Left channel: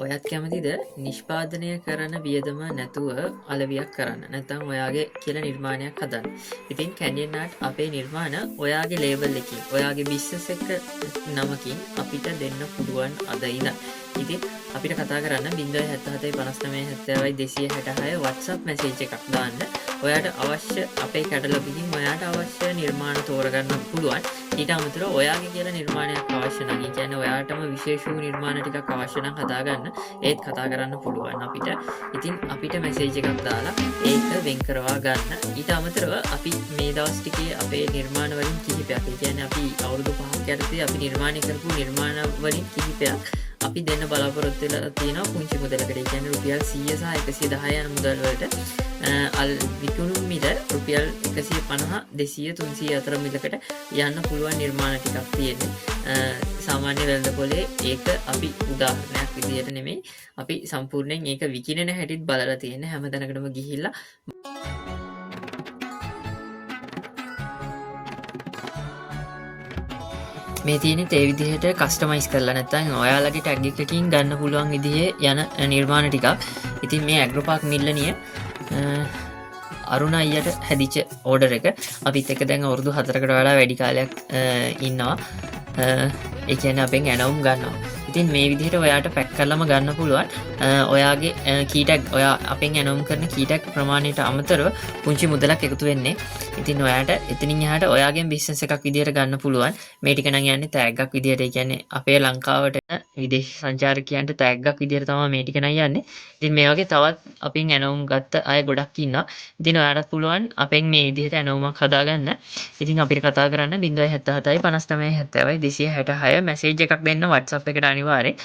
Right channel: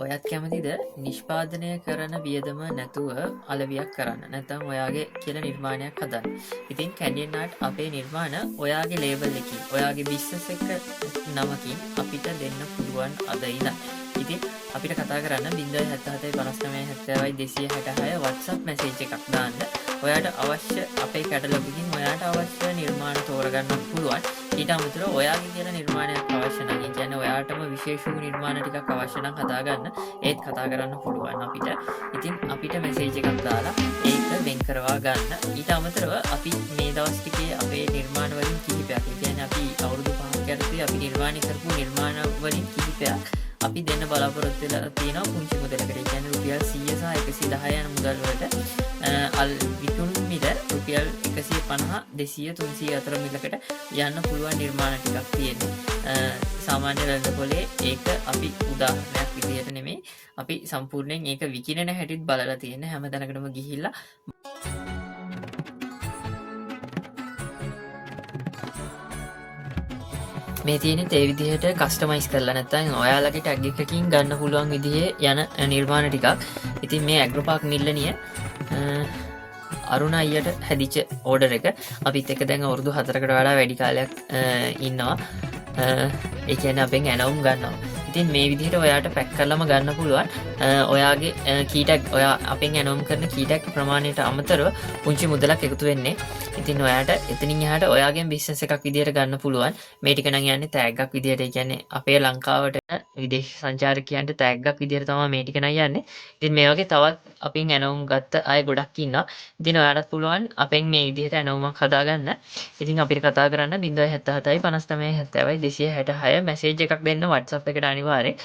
ඔයත් කැමතිද නිෂ්පාදනය කරන වියදම නැතුව අලවියක් කරන්න නැතම් ඔයාගේ කියල නිර්මාණයක් හදන්න. ඉතින් කැඩින්නාට අපේ නිර්මාණ ඔයාගේ ලේවල් එක ඔයාගේ බිශ්ස එක නමකින් අපිට දෙන්න පුළුවන් අදයිද. ඉතින් අපිට කතා කරන්න බිඳ හැත්තහතේ 59 70 266 WhatsApp මැසේජ් එකක් දාන්න. ඔයාට අවශ්‍ය අපේ කැටලොගින් ඔයාට අවශ්‍ය නිර්මාණ තෝරගන්න පුළුවන්. ඊට අමතරව ඔයාගේ කියලා නිර්මාණයක් අවශ්‍ය නැහැ. ඒ කියන්නේ ඔයාටම විශේෂ වූ නිර්මාණ ටිකක් අවශ්‍ය නම් හදාගන්න ඒත් කතා කරන්න පුළුවන් අපිට. ඉතින් අපිට මැසේජ් එකක් දාලා ඒක වෙන් කරවා ගන්න. ඊට අමතරව අපි මේ දවස් ටිකේ අපේ නිර්මාණ වලින් කිහිපයක්, ඒ කියන්නේ අපි අවුරුදු 5ක් යටතේ අපි නිර්මාණය කරපු නිර්මාණ වලින් කිහිපයක් අපි දෙන්න බලාපොරොත්තු වෙලා තියෙනවා පුංචි මුදලකට. ඒ කියන්නේ රුපියල් 100 සහ 110 යන මුදල් වලට අල් විකුණු මිල රුපියල් 150 200 300 අතර මිලකට යන්න පුළුවන් නිර්මාණ ටිකක් තියෙනවා. සාමාන්‍ය වෙළඳපොලේ ඒක අපි උදාහරණයක් විදිහට නෙමෙයි, අපි සම්පූර්ණයෙන් ඒක විකිනෙන හැටිත් බලලා තියෙන හැම තැනකටම ගිහිල්ලා මේ තියෙන ඒ විදිහට කස්ටමයිස් කරලා නැත්නම් ඔයාලගේ ටැග් එකකින් ගන්න පුළුවන් විදිහේ යන නිර්මාණ ටිකක්. ඉතින් මේ ඇග්‍රෝපාක් මිල්ලනිය අරුණ අයියට හැදිච්ච ඕඩර් එක අපිත් එක්ක දැන් අවුරුදු 4කට වඩා වැඩි කාලයක් ඉන්නවා. ඒ කියන්නේ අපෙන් ඇනවුම් ගන්නවා. ඉතින් මේ විදිහට ඔයාට පැක් කරලම ගන්න පුළුවන්. ඔයාගේ කීටැග් ඔයා අපෙන් ඇනවුම් කරන කීටැග් ප්‍රමාණයට අමතරව පුංචි මුදලක් එකතු වෙන්නේ. ඉතින් ඔයාට එතනින් එහාට ඔයාගේ බිස්නස් එකක් විදිහට ගන්න පුළුවන්. මේ ටික නම් යන්නේ තෑග්ගක් විදිහට. ඒ කියන්නේ අපේ ලංකාවට විදේශ සංචාරකයන්ට තෑග්ගක් විදිහට තමයි මේ ටික නම් යන්නේ. ඉතින් මේ වගේ තවත් අපෙන් ඇනවුම් ගත්ත අය ගොඩක් ඉන්නවා. ඉතින් ඔයාලට පුළුවන් අපෙන් මේ විදිහට ඇනවුමක් හදාගන්න. ඉතින් අපිට කතා කරන්න 077 59 70 266 මැසේජ් එකක් දෙන්න WhatsApp එකට අනිවාර්යෙන්.